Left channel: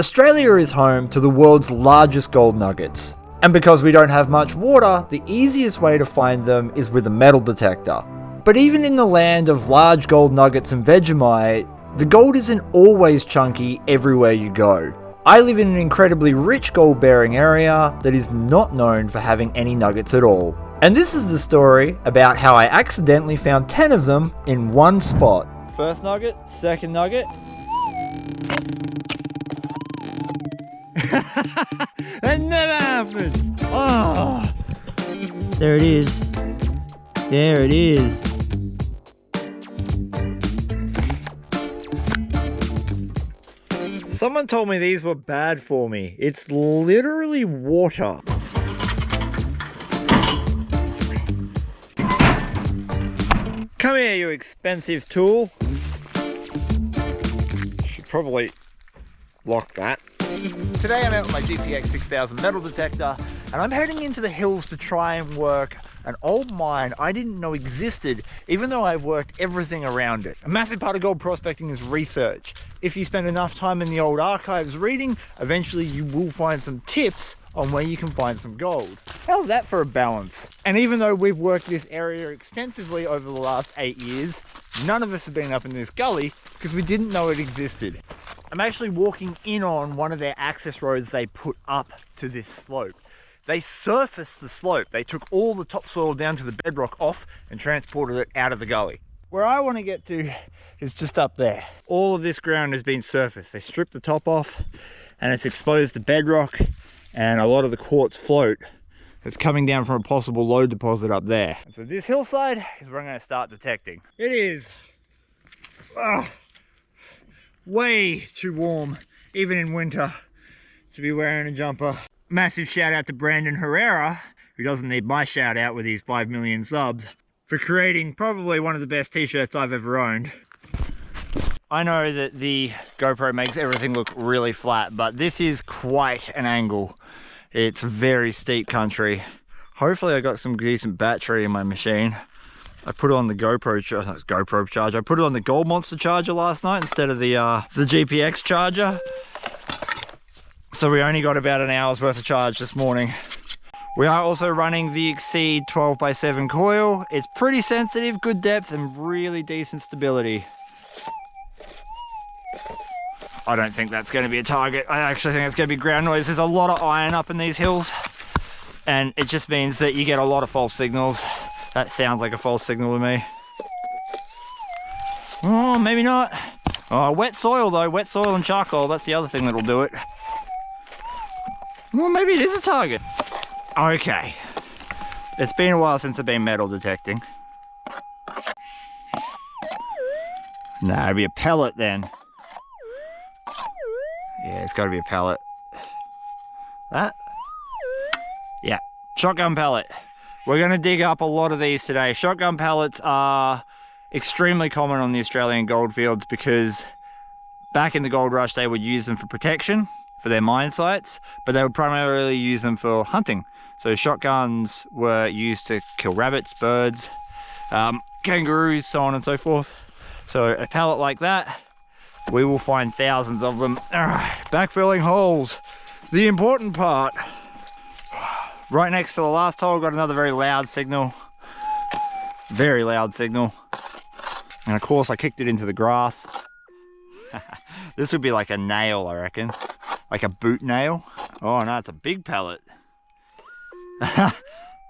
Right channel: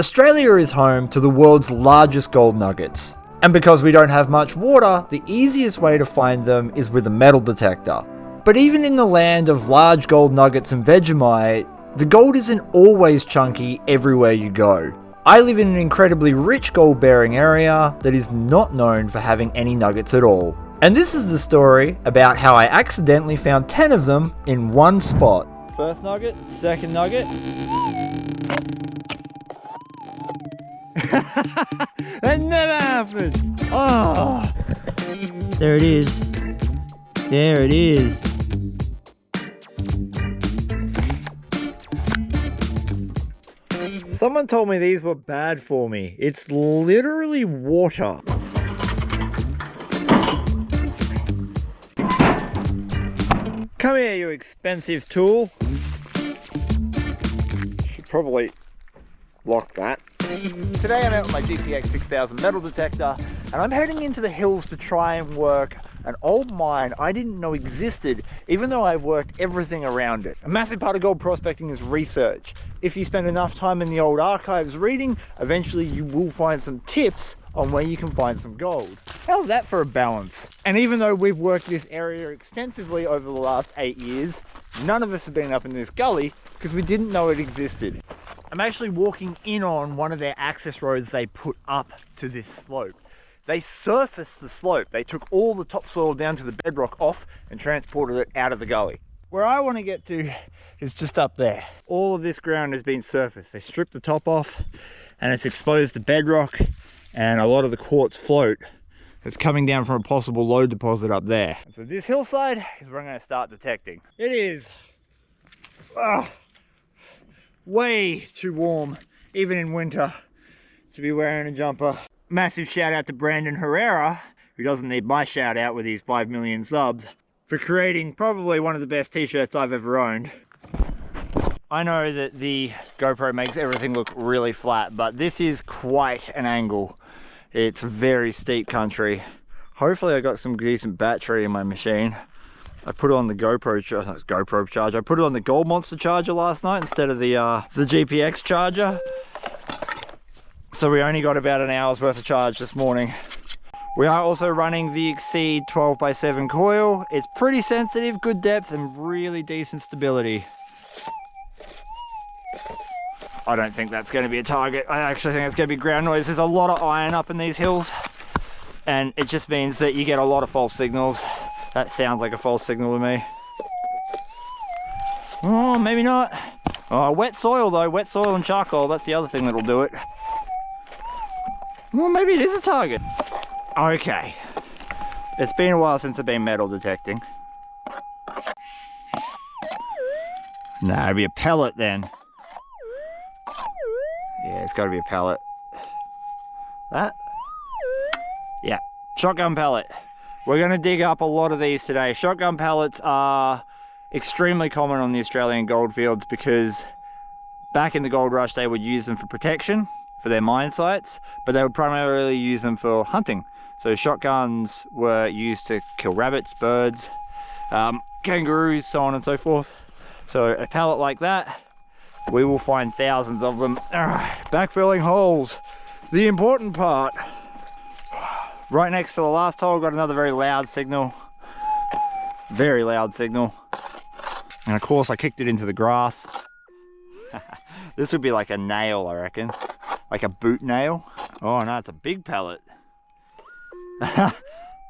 Australia is home to the world's largest gold nuggets. And because we don't have much water, the easiest way to find them is with a metal detector. But even in the land of large gold nuggets and Vegemite, the gold isn't always chunky everywhere you go. I live in an incredibly rich gold bearing area that is not known for having any nuggets at all. And this is the story about how I accidentally found 10 of them in one spot. First nugget, second nugget. That never happens. Oh, there it is. There it is. Someone told me these were bad for me. It's literally water. Come here, you expensive tool. Should probably lock that. Today I'm out with my GPX 6000 metal detector and I'm heading into the hills to try and work an old mine I didn't know existed, even though I've worked everything around it. A massive part of gold prospecting is research. If you spend enough time in the old archives reading, eventually you will find some tips on where you can find some gold. How's that for a balance? And even though we've worked this area extensively over the last 8 years, none of us have been up in this gully because we didn't know it existed. I'm actually walking in on one of their access roads they put up to this slope. They surfaced the slope. They took all the topsoil down to the bedrock off and transported it out of the gully. Where I want to get to is just up there. All of this ground has been surfaced. They stripped the top off and it's exposed the bedrock and a lot of the quartz float that's coming down from a possible lode deposit up there. So this hillside is where I'm going to start detecting. It is way too warm, even in winter, to be wearing a jumper. Massive shout out to Brandon Herrera, who doesn't need my shout out with his 5 million subs, for creating probably one of the best t-shirts I've ever owned. I know that the GoPro makes everything look really flat, but this is quite an angle. It's very steep country. Hopefully I got some decent battery in my machine. I put it on the GoPro charger. I put it on the Gold Monster charger last night instead of the GPX charger. So we only got about an hour's worth of charge this morning. We are also running the Exceed 12x7 coil. It's pretty sensitive, good depth, and really decent stability. I don't think that's going to be a target. I actually think it's going to be ground noise. There's a lot of iron up in these hills, and it just means that you get a lot of false signals. That sounds like a false signal to me. Oh, maybe not. Oh, wet soil though. Wet soil and charcoal. That's the other thing that'll do it. Well, maybe it is a target. Okay. It's been a while since I've been metal detecting. Nah, it'd be a pellet then. Yeah, it's got to be a pellet. That? Yeah, shotgun pellet. We're going to dig up a lot of these today. Shotgun pellets are extremely common on the Australian goldfields because back in the gold rush they would use them for protection for their mine sites, but they would primarily use them for hunting. So shotguns were used to kill rabbits, birds, kangaroos, so on and so forth. So a pellet like that, we will find thousands of them. Backfilling holes, the important part. Right next to the last hole, got another very loud signal. Very loud signal. And of course I kicked it into the grass. This would be like a nail, I reckon. Like a boot nail. Oh no, it's a big pellet.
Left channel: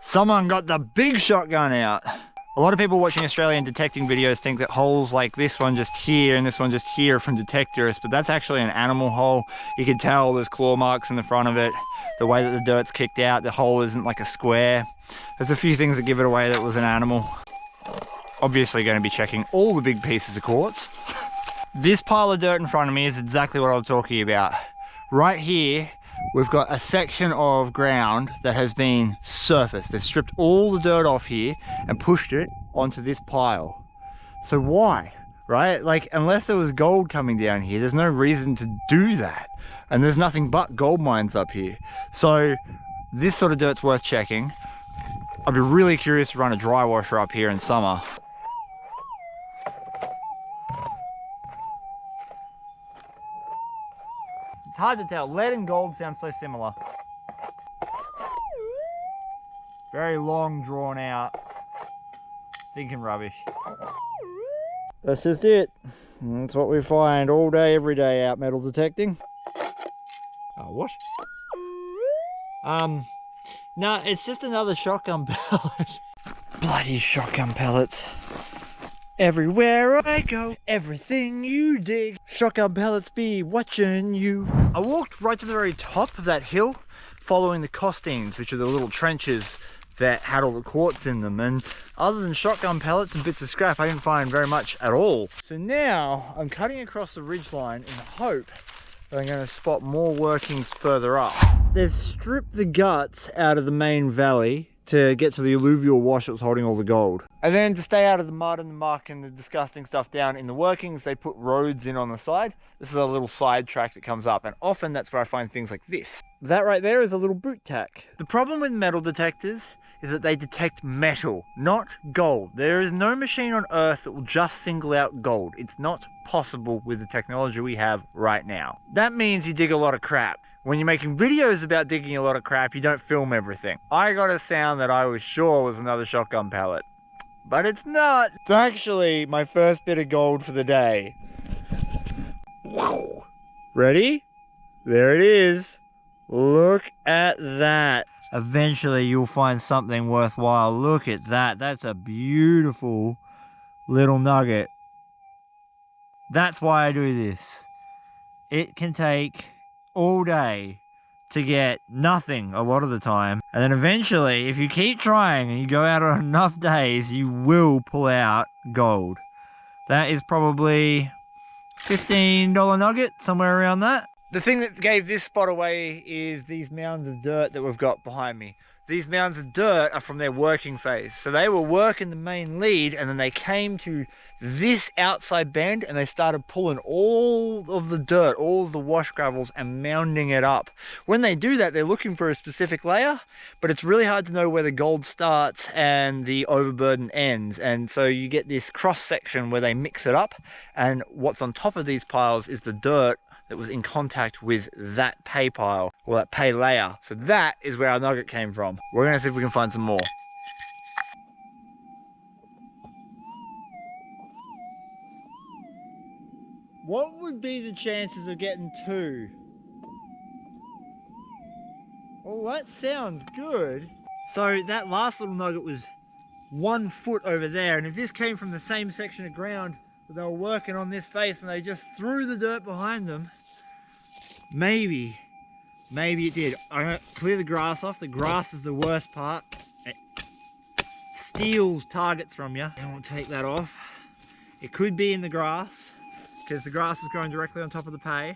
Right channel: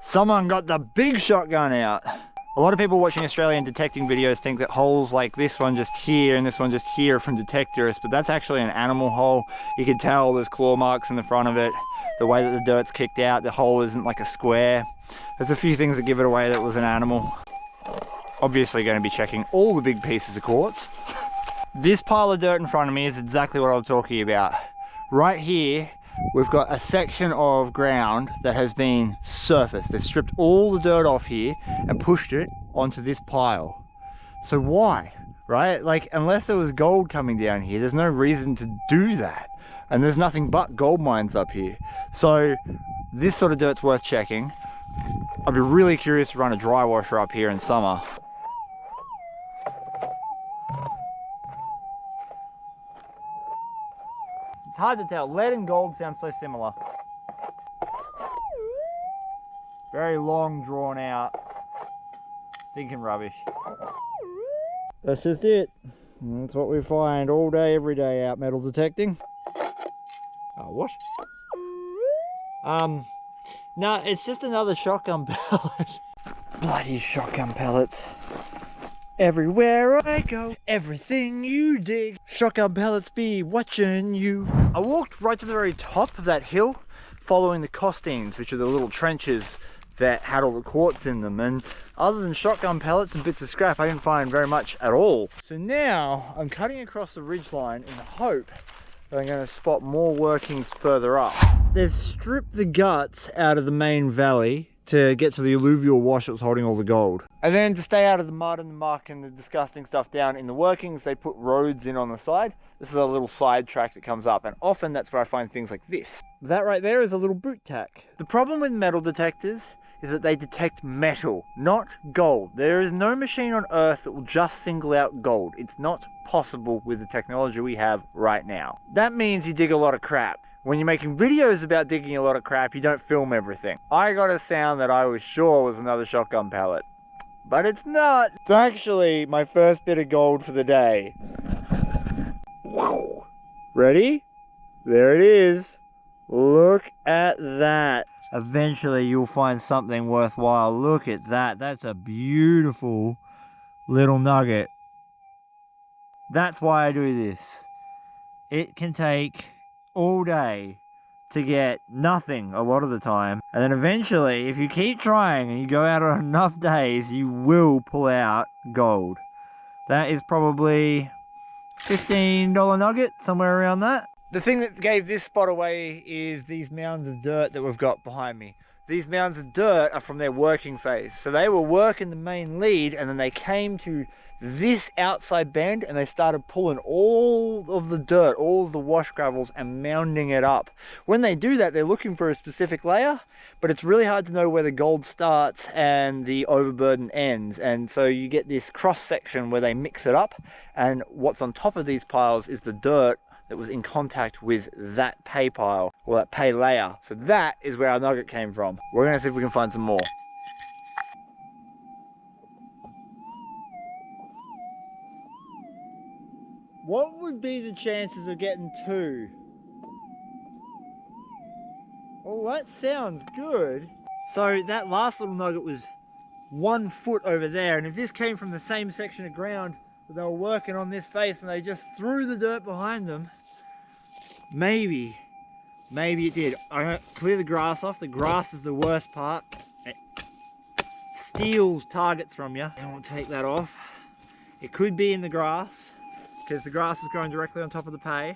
Someone got the big shotgun out. A lot of people watching Australian detecting videos think that holes like this one just here and this one just here are from detectorists, but that's actually an animal hole. You can tell there's claw marks in the front of it. The way that the dirt's kicked out, the hole isn't like a square. There's a few things that give it away that it was an animal. Obviously going to be checking all the big pieces of quartz. This pile of dirt in front of me is exactly what I was talking about. Right here, we've got a section of ground that has been surfaced. They've stripped all the dirt off here and pushed it onto this pile. So why, right? Like, unless there was gold coming down here, there's no reason to do that. And there's nothing but gold mines up here. So this sort of dirt's worth checking. I'd be really curious to run a dry washer up here in summer. hard to tell. Lead and gold sound so similar. Very long, drawn out, thinking rubbish. That's just it. That's what we find all day, every day out metal detecting. Oh, what? No, it's just another shotgun pellet. Bloody shotgun pellets. Everywhere I go, everything you dig, shotgun pellets be watching you. I walked right to the very top of that hill, following the costings, which are the little trenches that had all the quartz in them, and other than shotgun pellets and bits of scrap, I didn't find very much at all. So now I'm cutting across the ridgeline in the hope that I'm going to spot more workings further up. They've stripped the guts out of the main valley to get to the alluvial wash that was holding all the gold. And then to stay out of the mud and the muck and the disgusting stuff down in the workings, they put roads in on the side. This is a little side track that comes up, and often that's where I find things like this. That right there is a little boot tack. The problem with metal detectors is that they detect metal, not gold. There is no machine on Earth that will just single out gold. It's not possible with the technology we have right now. That means you dig a lot of crap. When you're making videos about digging a lot of crap, you don't film everything. I got a sound that I was sure was another shotgun pellet, but it's not. It's actually my first bit of gold for the day. Wow. Ready? There it is. Look at that. Eventually you'll find something worthwhile. Look at that. That's a beautiful little nugget. That's why I do this. It can take all day to get nothing a lot of the time, and then eventually, if you keep trying and you go out on enough days, you will pull out gold. That is probably $15 nugget, somewhere around that. The thing that gave this spot away is these mounds of dirt that we've got behind me. These mounds of dirt are from their working phase. So they were working the main lead, and then they came to this outside bend and they started pulling all of the dirt, all of the wash gravels, and mounding it up. When they do that, they're looking for a specific layer, but it's really hard to know where the gold starts and the overburden ends. And so you get this cross section where they mix it up, and what's on top of these piles is the dirt that was in contact with that pay pile, or that pay layer. So that is where our nugget came from. We're gonna see if we can find some more. What would be the chances of getting two? Oh, that sounds good. So that last little nugget was 1 foot over there, and if this came from the same section of ground that they were working on this face and they just threw the dirt behind them, maybe it did. I'm gonna clear the grass off. The grass is the worst part. It steals targets from you. And we'll take that off. It could be in the grass, because the grass is growing directly on top of the pay.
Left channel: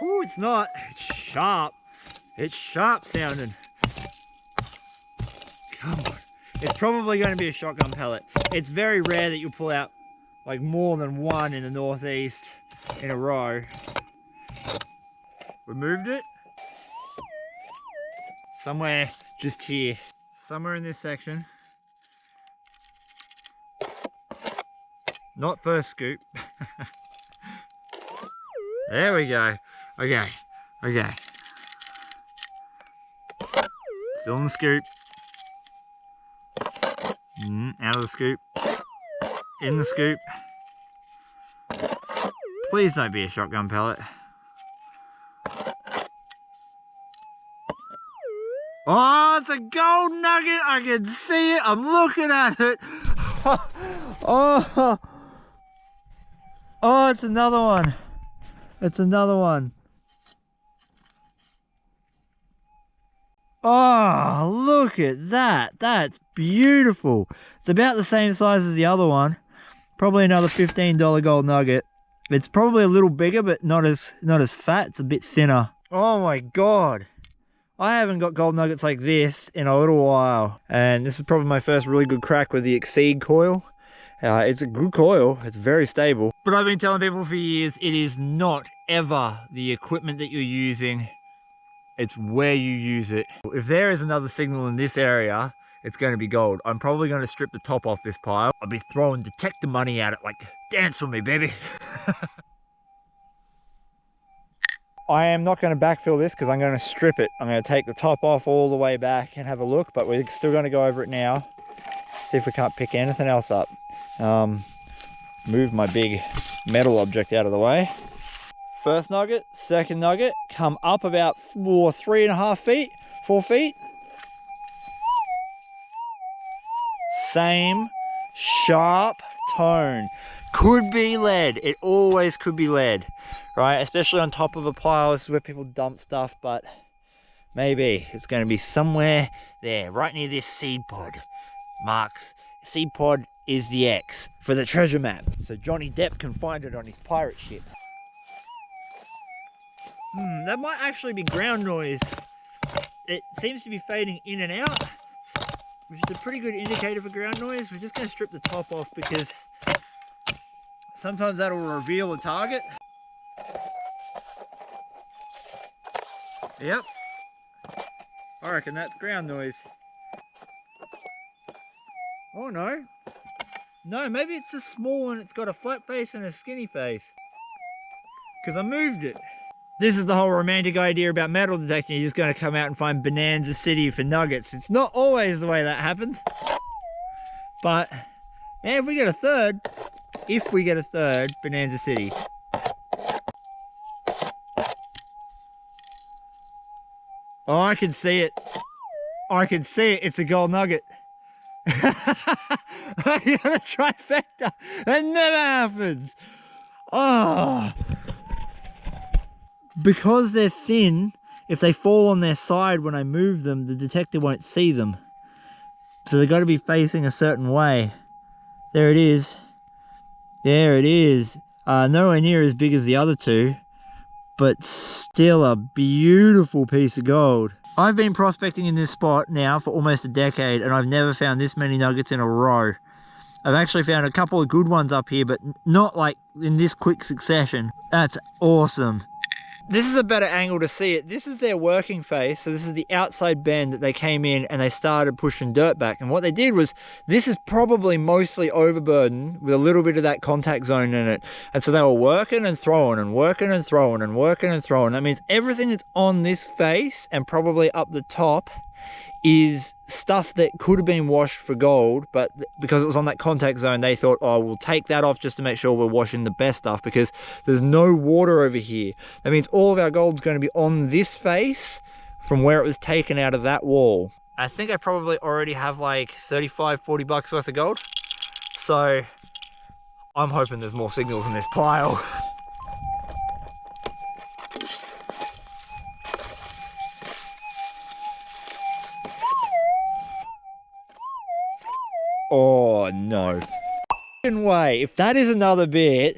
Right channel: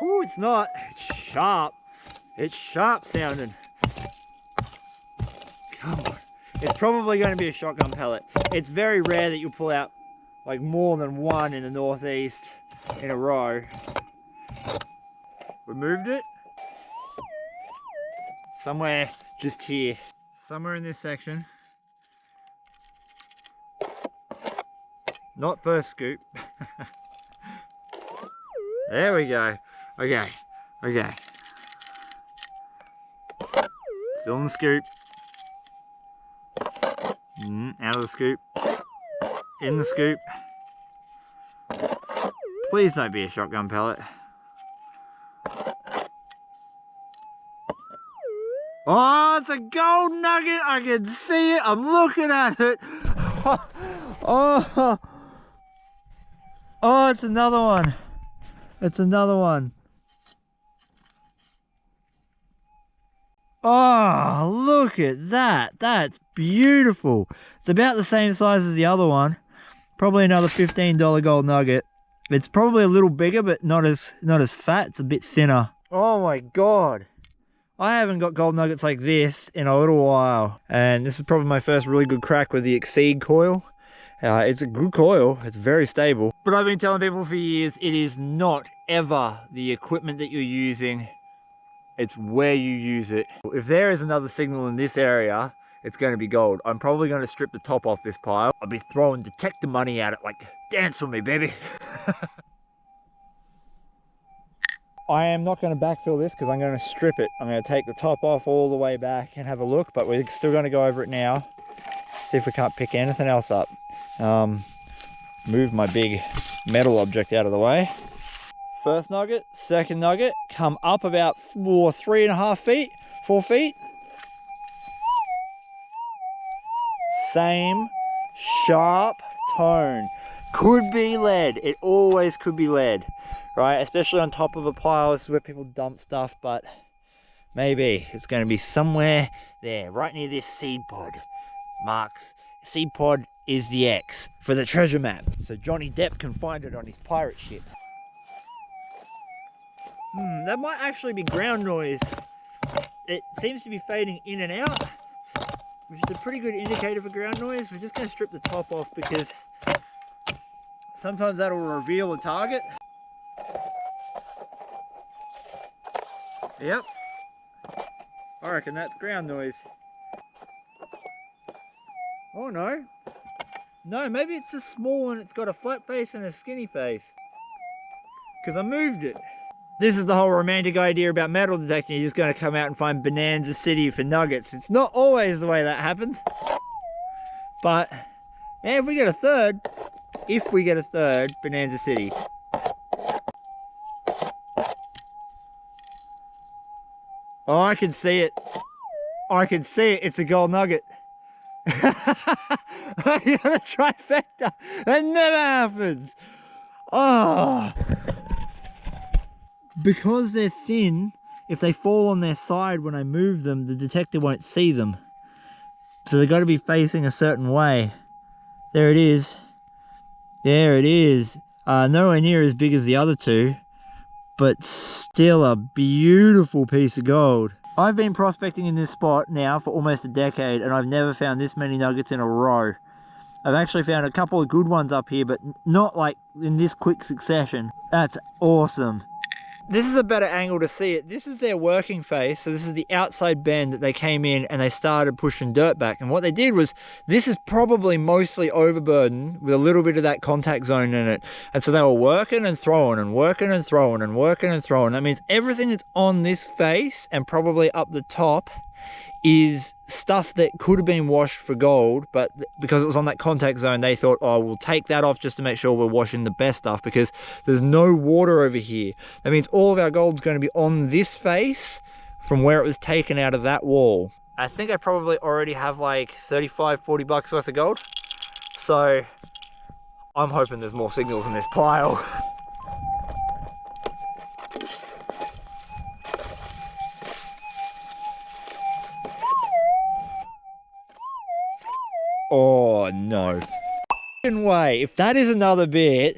Oh, it's not. It's sharp. It's sharp sounding. Come on. It's probably going to be a shotgun pellet. It's very rare that you'll pull out like more than one in the northeast in a row. Removed it. Somewhere just here. Somewhere in this section. Not first scoop. There we go. Okay. Still in the scoop. Out of the scoop. In the scoop. Please don't be a shotgun pellet. Oh, it's a gold nugget. I can see it. I'm looking at it. Oh, it's another one. It's another one. Oh, look at that. That's beautiful. It's about the same size as the other one. Probably another $15 gold nugget. It's probably a little bigger, but not as fat. It's a bit thinner. Oh my God. I haven't got gold nuggets like this in a little while. And this is probably my first really good crack with the Exceed coil. It's a good coil. It's very stable. But I've been telling people for years, it is not ever the equipment that you're using. It's where you use it. If there is another signal in this area, it's going to be gold. I'm probably going to strip the top off this pile. I'll be throwing detector money at it like, dance for me, baby. I am not going to backfill this because I'm going to strip it. I'm going to take the top off all the way back and have a look, but we're still going to go over it now. See if we can't pick anything else up. Move my big metal object out of the way. First nugget, second nugget, come up about 3.5 feet, 4 feet. Same sharp tone. Could be lead. It always could be lead, right? Especially on top of a pile. This is where people dump stuff, but maybe it's going to be somewhere there, right near this seed pod. Marks. Seed pod is the X for the treasure map, so Johnny Depp can find it on his pirate ship. That might actually be ground noise. It seems to be fading in and out, which is a pretty good indicator for ground noise. We're just going to strip the top off because sometimes that'll reveal a target. Yep. I reckon that's ground noise. Oh no. No, maybe it's just small and it's got a flat face and a skinny face. Because I moved it. This is the whole romantic idea about metal detecting. You're just going to come out and find Bonanza City for nuggets. It's not always the way that happens. But, man, if we get a third Bonanza City. Oh, I can see it. I can see it. It's a gold nugget. I got a trifecta. That never happens. Oh. Because they're thin, if they fall on their side when I move them, the detector won't see them. So they've got to be facing a certain way. There it is. There it is. Nowhere near as big as the other two, but still a beautiful piece of gold. I've been prospecting in this spot now for almost a decade, and I've never found this many nuggets in a row. I've actually found a couple of good ones up here, but not like in this quick succession. That's awesome. This is a better angle to see it. This is their working face. So this is the outside bend that they came in and they started pushing dirt back. And what they did was, this is probably mostly overburden with a little bit of that contact zone in it. And so they were working and throwing and working and throwing and working and throwing. That means everything that's on this face and probably up the top is stuff that could have been washed for gold, but because it was on that contact zone, they thought, oh, we'll take that off just to make sure we're washing the best stuff, because there's no water over here. That means all of our gold's going to be on this face from where it was taken out of that wall. I think I probably already have like 35, 40 bucks worth of gold. So I'm hoping there's more signals in this pile. Oh no way. If that is another bit,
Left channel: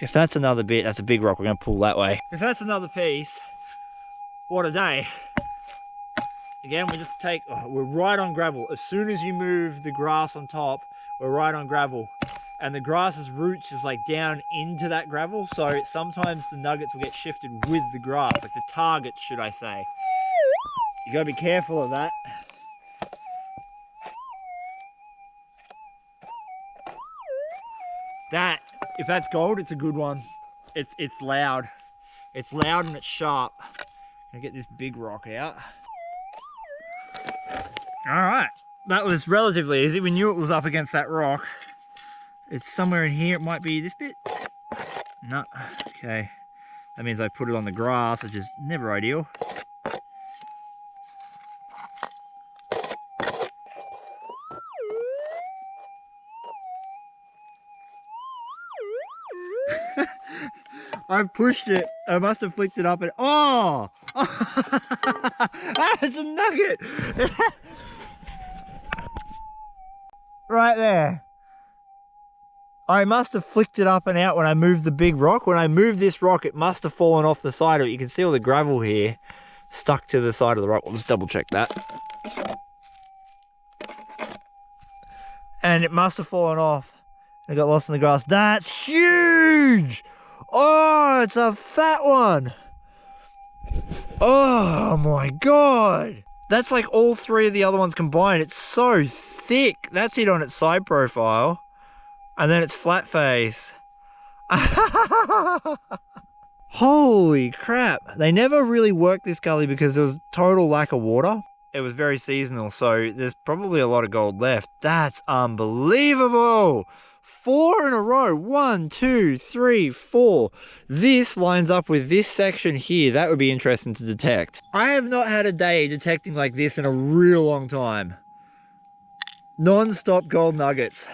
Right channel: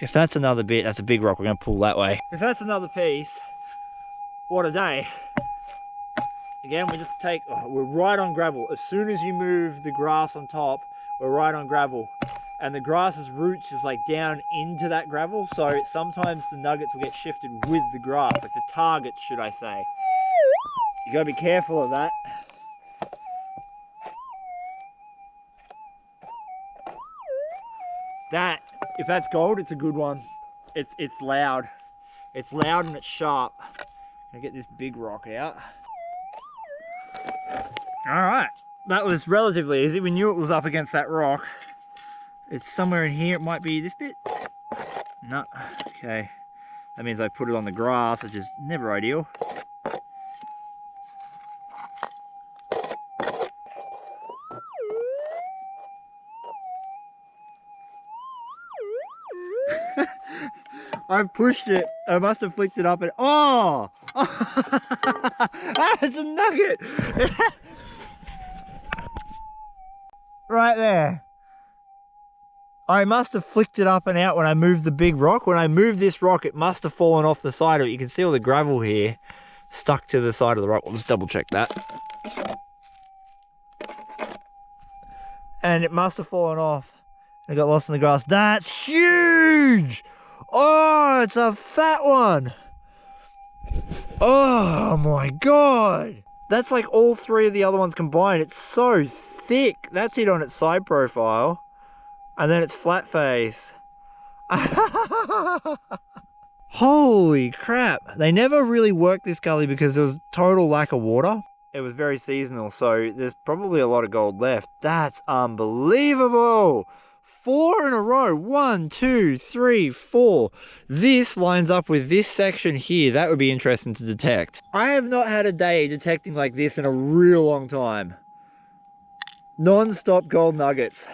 if that's another bit, that's a big rock. We're going to pull that way. If that's another piece, what a day. Again, we just take, we're right on gravel. As soon as you move the grass on top, we're right on gravel. And the grass's roots is like down into that gravel. So sometimes the nuggets will get shifted with the grass, like the targets, should I say. You got to be careful of that. That, if that's gold, it's a good one. It's loud. It's loud and it's sharp. I'm gonna get this big rock out. All right, that was relatively easy. We knew it was up against that rock. It's somewhere in here. It might be this bit. No, okay. That means I put it on the grass, which is never ideal. I've pushed it. I must have flicked it up and oh! It's a nugget! Right there. I must have flicked it up and out when I moved the big rock. When I moved this rock, it must have fallen off the side of it. You can see all the gravel here stuck to the side of the rock. Let's double check that. And it must have fallen off. It got lost in the grass. That's huge! Oh, it's a fat one. Oh my God. That's like all three of the other ones combined. It's so thick. That's it on its side profile. And then it's flat face. Holy crap. They never really worked this gully because there was total lack of water. It was very seasonal, so there's probably a lot of gold left. That's unbelievable. 4 in a row. 1, 2, 3, 4. This lines up with this section here. That would be interesting to detect. I have not had a day detecting like this in a real long time. Non-stop gold nuggets.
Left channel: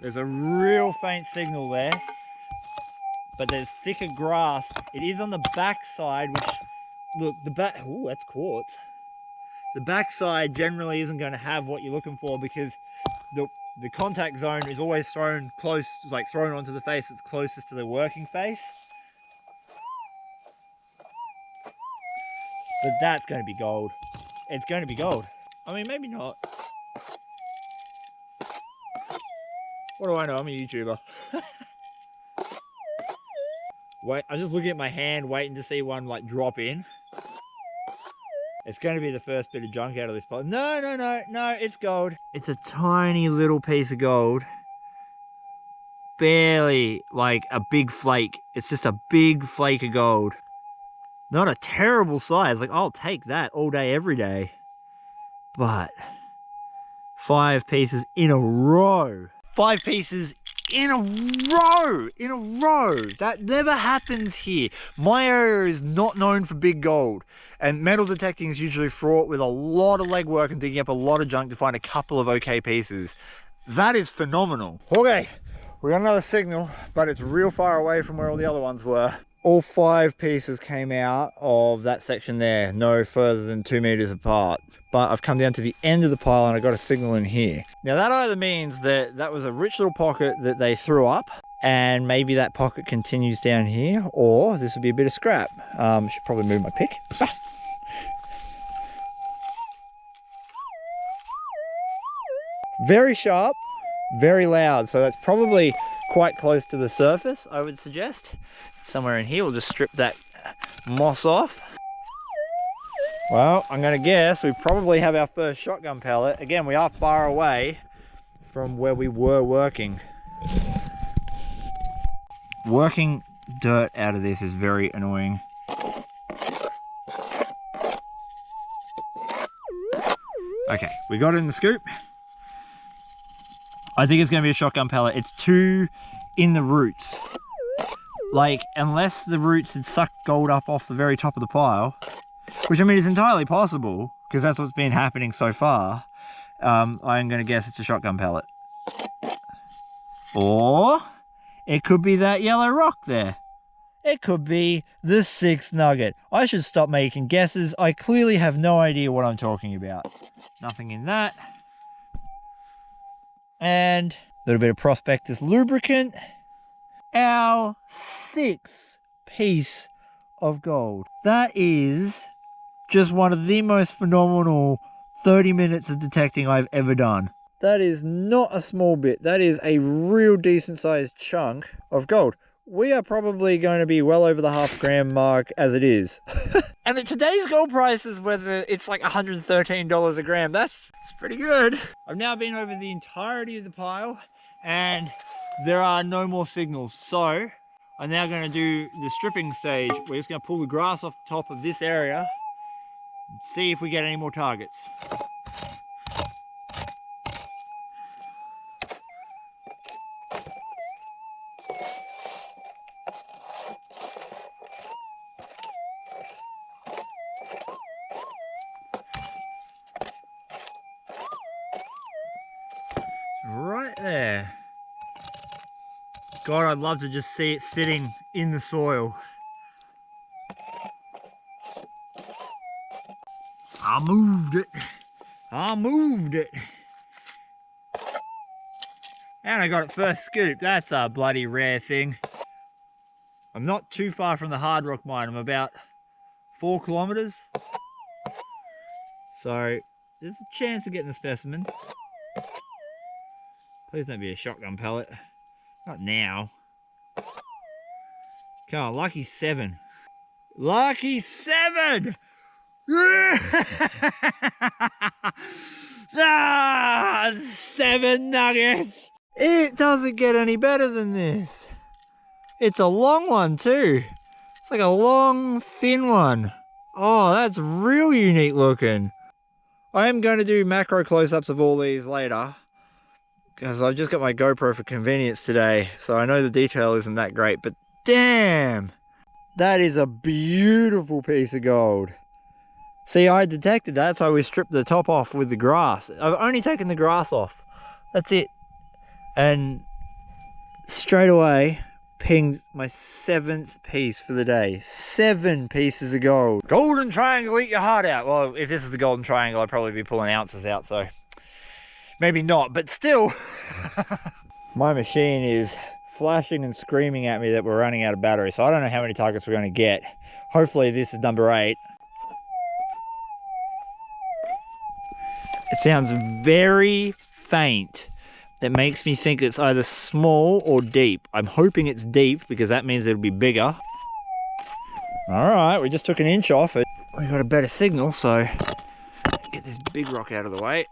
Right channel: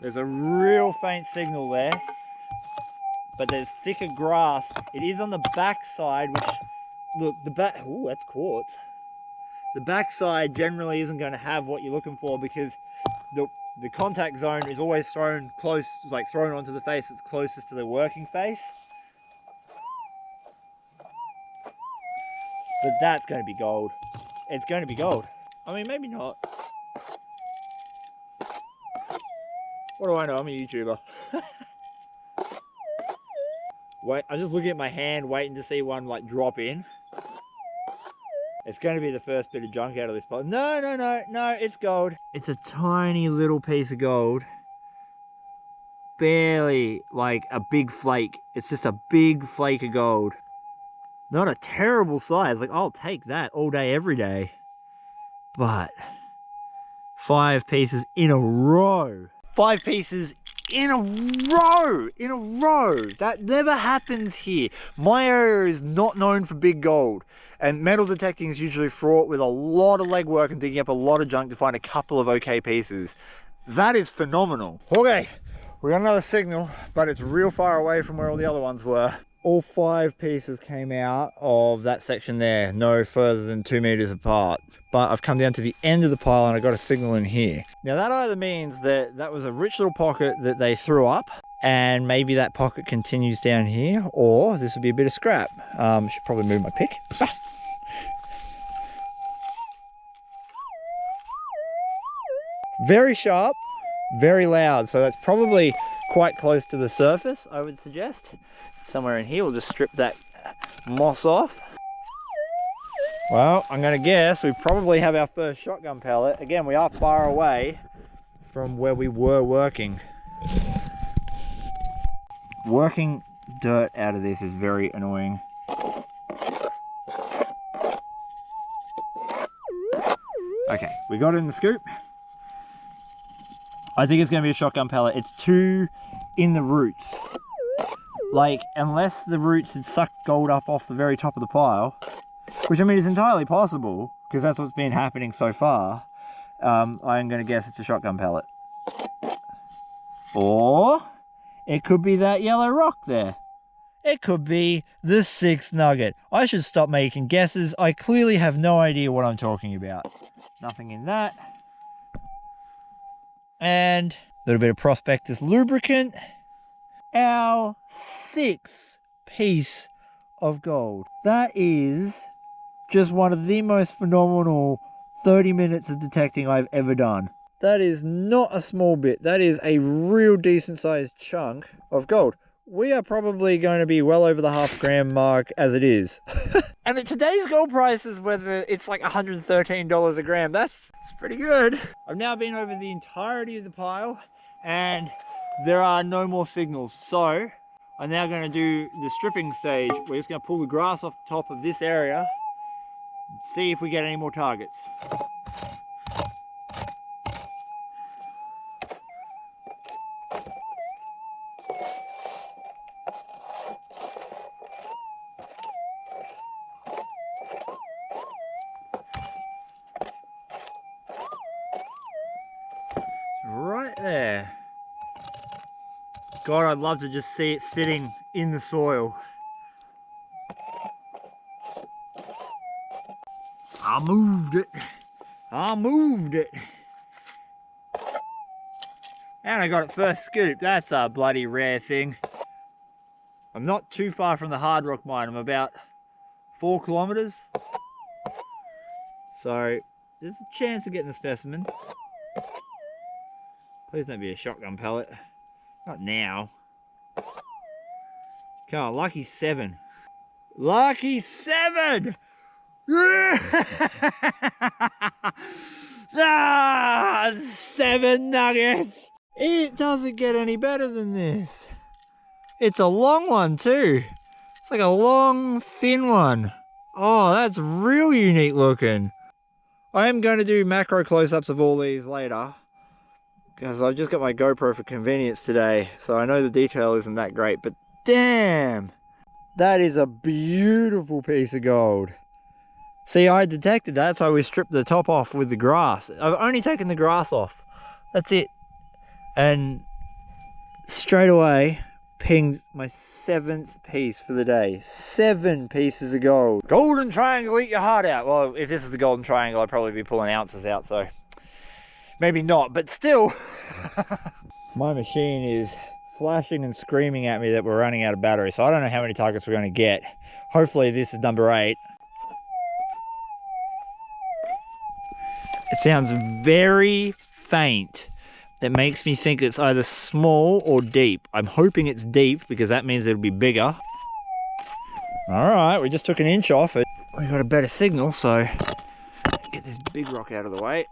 There's a real faint signal there, but there's thicker grass. It is on the back side, which, look, the back, oh, that's quartz. The back side generally isn't going to have what you're looking for because the contact zone is always thrown close, like thrown onto the face that's closest to the working face. But that's going to be gold. It's going to be gold. I mean, maybe not. What do I know? I'm a YouTuber. Wait, I'm just looking at my hand, waiting to see one like drop in. It's going to be the first bit of junk out of this pot. No, no, no, no, it's gold. It's a tiny little piece of gold. Barely like a big flake. It's just a big flake of gold. Not a terrible size. Like, I'll take that all day, every day. But 5 pieces in a row. 5 pieces in a row. In a row. That never happens here. My area is not known for big gold. And metal detecting is usually fraught with a lot of legwork and digging up a lot of junk to find a couple of okay pieces. That is phenomenal. Okay, we got another signal, but it's real far away from where all the other ones were. All 5 pieces came out of that section there, no further than 2 meters apart. But I've come down to the end of the pile and I got a signal in here. Now that either means that that was a rich little pocket that they threw up, and maybe that pocket continues down here, or this would be a bit of scrap. Should probably move my pick. Very sharp, very loud, so that's probably quite close to the surface, I would suggest. Somewhere in here, we'll just strip that moss off. Well, I'm going to guess we probably have our first shotgun pellet. Again, we are far away from where we were working. Working dirt out of this is very annoying. Okay, we got it in the scoop. I think it's going to be a shotgun pellet. It's too in the roots. Like, unless the roots had sucked gold up off the very top of the pile, which I mean is entirely possible, because that's what's been happening so far, I'm going to guess it's a shotgun pellet. Or it could be that yellow rock there. It could be the 6th nugget. I should stop making guesses. I clearly have no idea what I'm talking about. Nothing in that. And a little bit of prospectors lubricant. Our 6th piece of gold. That is just one of the most phenomenal 30 minutes of detecting I've ever done. That is not a small bit. That is a real decent sized chunk of gold. We are probably going to be well over the half gram mark as it is. And at today's gold prices, whether it's like $113 a gram, that's pretty good. I've now been over the entirety of the pile and there are no more signals. So I'm now going to do the stripping stage. We're just going to pull the grass off the top of this area and see if we get any more targets. Right there. God, I'd love to just see it sitting in the soil. I moved it. I moved it. And I got it first scoop. That's a bloody rare thing. I'm not too far from the hard rock mine. I'm about 4 kilometers. So there's a chance of getting the specimen. Please don't be a shotgun pellet. Not now. Come on, lucky 7. Lucky 7! Ah, 7 nuggets! It doesn't get any better than this. It's a long one too. It's like a long, thin one. Oh, that's real unique looking. I am going to do macro close-ups of all these later, because I've just got my GoPro for convenience today, so I know the detail isn't that great, but damn, that is a beautiful piece of gold. See, I detected that, so we stripped the top off with the grass. I've only taken the grass off. That's it. And straight away, pinged my 7th piece for the day. 7 pieces of gold. Golden triangle, eat your heart out. Well, if this is the golden triangle, I'd probably be pulling ounces out, so maybe not, but still. My machine is flashing and screaming at me that we're running out of battery, so I don't know how many targets we're going to get. Hopefully this is number 8. It sounds very faint. That makes me think it's either small or deep. I'm hoping it's deep because that means it'll be bigger. All right, we just took an inch off it. We got a better signal, so get this big rock out of the way.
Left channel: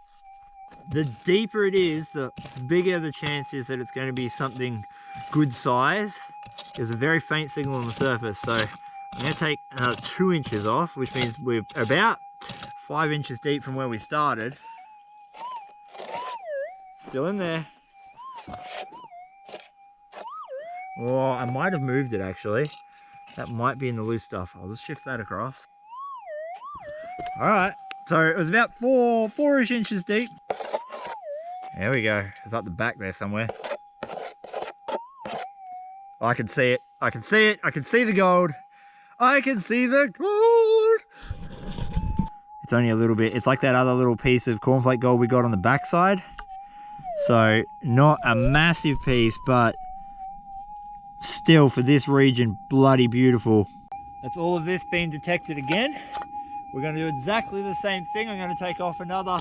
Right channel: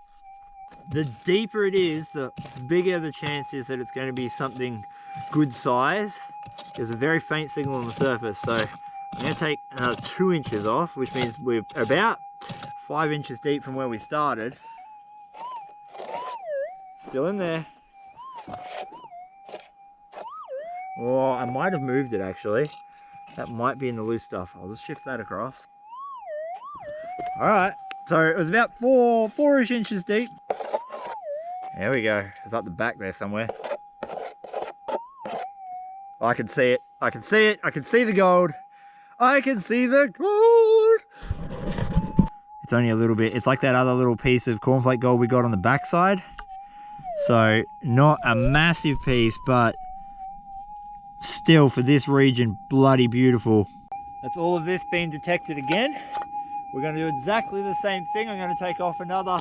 The deeper it is, the bigger the chance is that it's going to be something good size. There's a very faint signal on the surface, so I'm going to take another 2 inches off, which means we're about 5 inches deep from where we started. Still in there. Oh, I might have moved it actually. That might be in the loose stuff. I'll just shift that across. All right, so it was about 4-ish inches deep. There we go. It's up the back there somewhere. I can see it. I can see it. I can see the gold. I can see the gold. It's only a little bit. It's like that other little piece of cornflake gold we got on the backside. So not a massive piece, but still for this region, bloody beautiful. That's all of this being detected again. We're going to do exactly the same thing. I'm going to take off another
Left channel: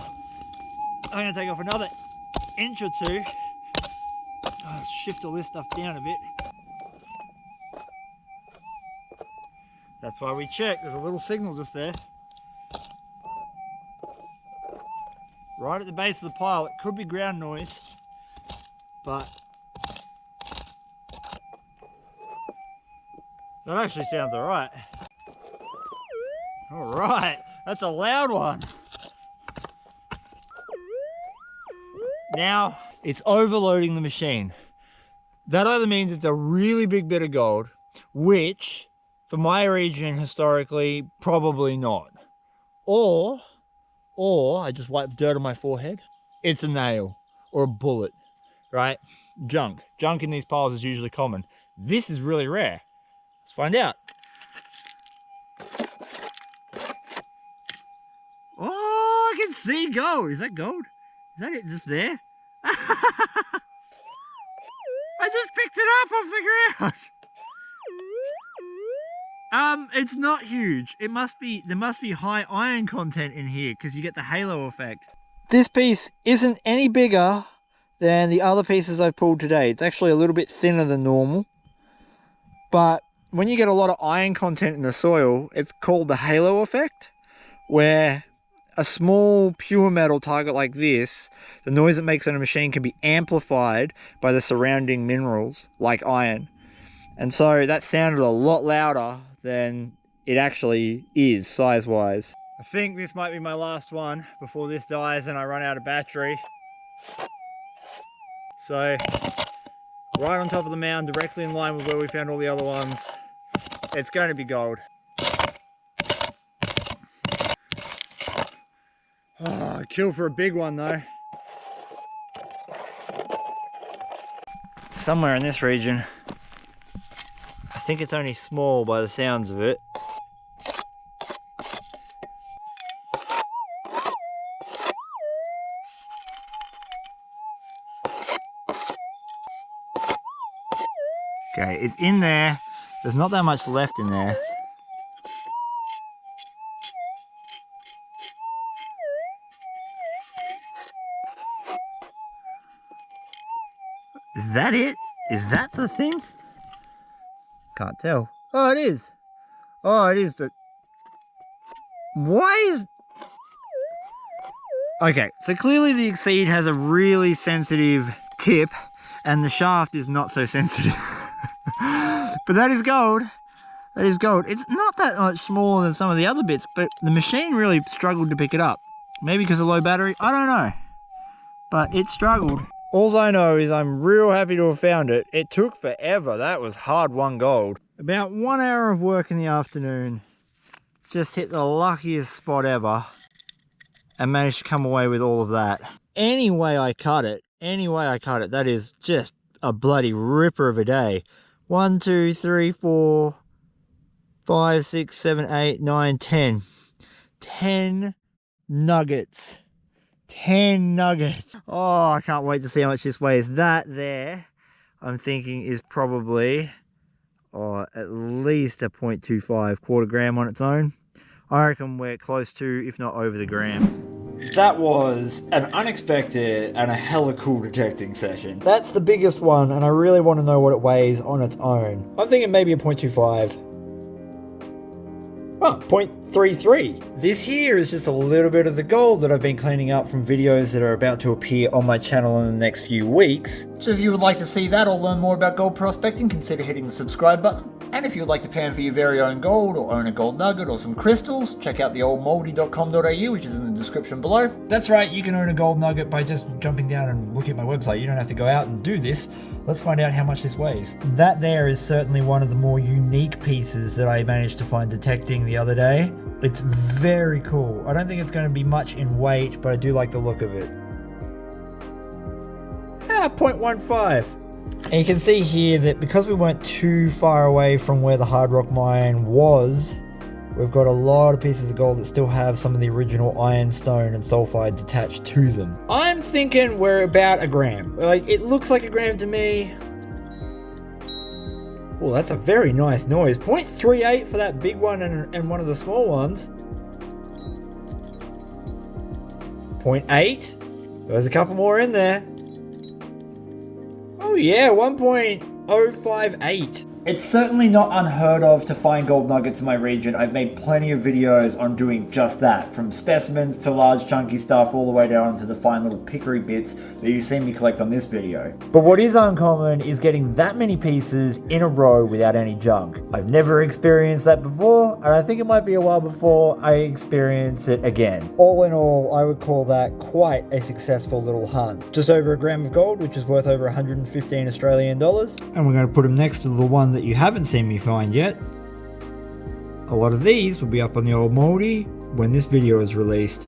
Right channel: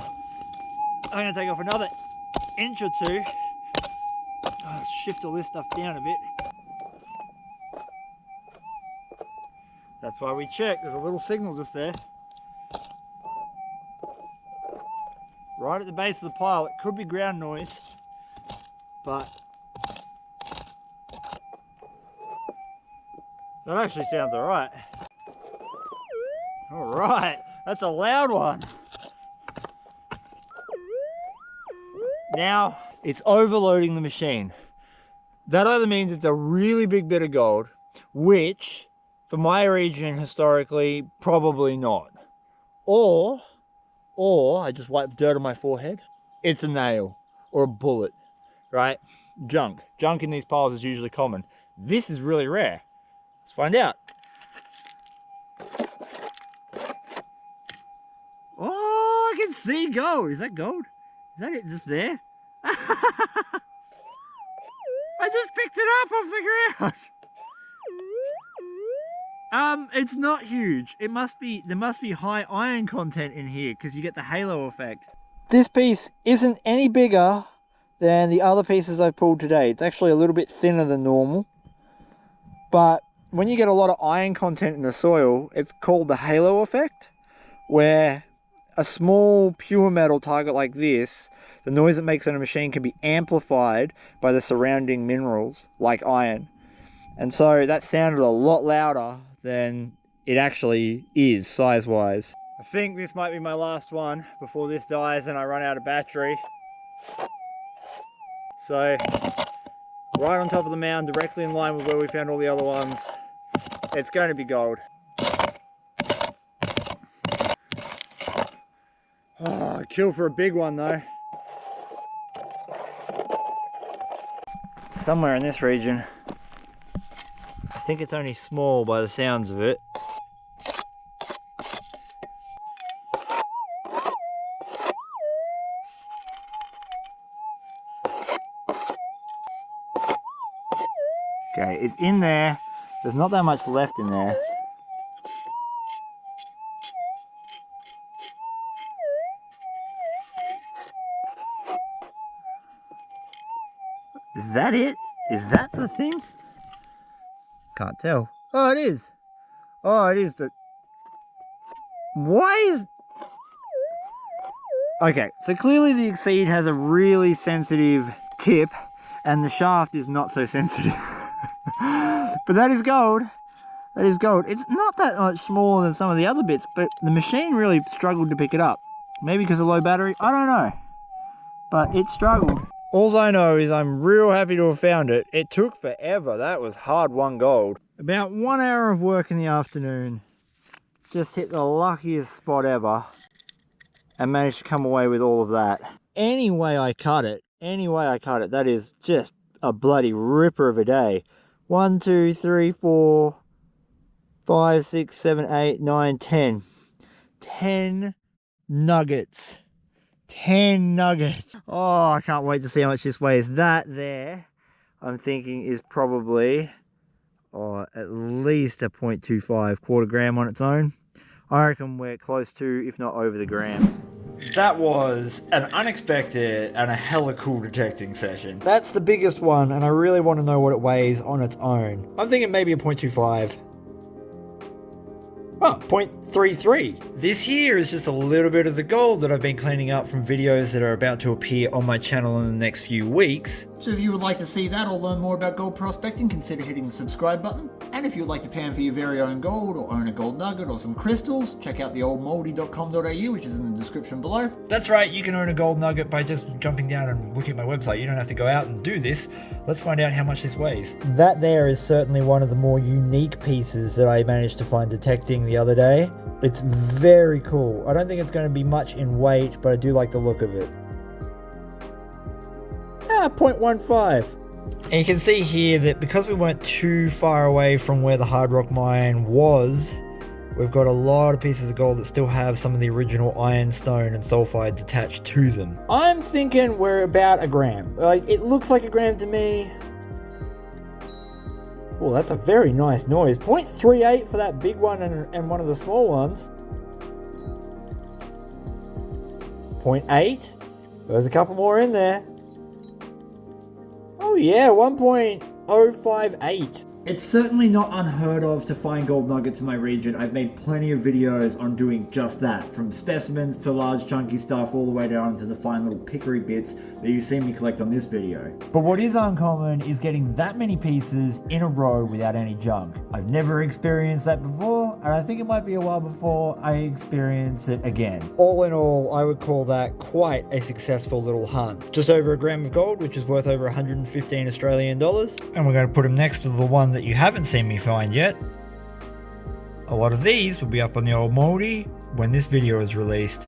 inch or 2. Oh, shift all this stuff down a bit. That's why we check. There's a little signal just there. Right at the base of the pile. It could be ground noise, but that actually sounds all right. All right, that's a loud one. Now it's overloading the machine. That either means it's a really big bit of gold, which for my region historically, probably not. Or I just wiped dirt on my forehead. It's a nail or a bullet, right? Junk in these piles is usually common. This is really rare. Let's find out. Oh, I can see gold. Is that gold? Is that it just there? I just picked it up off the ground. It's not huge. There must be high iron content in here because you get the halo effect. This piece isn't any bigger than the other pieces I've pulled today. It's actually a little bit thinner than normal. But when you get a lot of iron content in the soil, it's called the halo effect, where a small pure metal target like this, the noise it makes on a machine can be amplified by the surrounding minerals like iron. And so that sounded a lot louder than it actually is size-wise. I think this might be my last one before this dies and I run out of battery. So, right on top of the mound, directly in line with where we found all the other ones. It's going to be gold. Oh, kill for a big one though. Somewhere in this region. I think it's only small by the sounds of it. Okay, it's in there. There's not that much left in there. Is that it? Is that the thing? Can't tell. Oh, it is. Oh, it is the... Why is... Okay, so clearly the Exceed has a really sensitive tip and the shaft is not so sensitive. But that is gold. That is gold. It's not that much smaller than some of the other bits, but the machine really struggled to pick it up. Maybe because of low battery, I don't know. But it struggled. All I know is I'm real happy to have found it. It took forever. That was hard-won gold. About 1 hour of work in the afternoon. Just hit the luckiest spot ever and managed to come away with all of that. Any way I cut it, that is just a bloody ripper of a day. 1, 2, 3, 4, 5, 6, 7, 8, 9, 10. 10 nuggets. 10 nuggets. Oh, I can't wait to see how much this weighs. That there, I'm thinking is probably at least a 0.25 quarter gram on its own. I reckon we're close to, if not over the gram. That was an unexpected and a hella cool detecting session. That's the biggest one, and I really want to know what it weighs on its own. I'm thinking maybe a 0.25. Oh, 0.33. This here is just a little bit of the gold that I've been cleaning up from videos that are about to appear on my channel in the next few weeks. So if you would like to see that or learn more about gold prospecting, consider hitting the subscribe button. And if you would like to pan for your very own gold or own a gold nugget or some crystals, check out theoldmoldy.com.au, which is in the description below. That's right, you can own a gold nugget by just jumping down and looking at my website. You don't have to go out and do this. Let's find out how much this weighs. That there is certainly one of the more unique pieces that I managed to find detecting the other day. It's very cool. I don't think it's going to be much in weight, but I do like the look of it. 0.15. And you can see here that because we weren't too far away from where the hard rock mine was, we've got a lot of pieces of gold that still have some of the original ironstone and sulfides attached to them. I'm thinking we're about a gram. Like, it looks like a gram to me. Oh, that's a very nice noise. 0.38 for that big one and one of the small ones. 0.8. There's a couple more in there. Oh yeah, 1.058. It's certainly not unheard of to find gold nuggets in my region. I've made plenty of videos on doing just that, from specimens to large chunky stuff all the way down to the fine little pickery bits that you see me collect on this video. But what is uncommon is getting that many pieces in a row without any junk. I've never experienced that before, and I think it might be a while before I experience it again. All in all, I would call that quite a successful little hunt. Just over a gram of gold, which is worth over 115 Australian dollars. And we're going to put them next to the one that you haven't seen me find yet. A lot of these will be up on the old moldy when this video is released.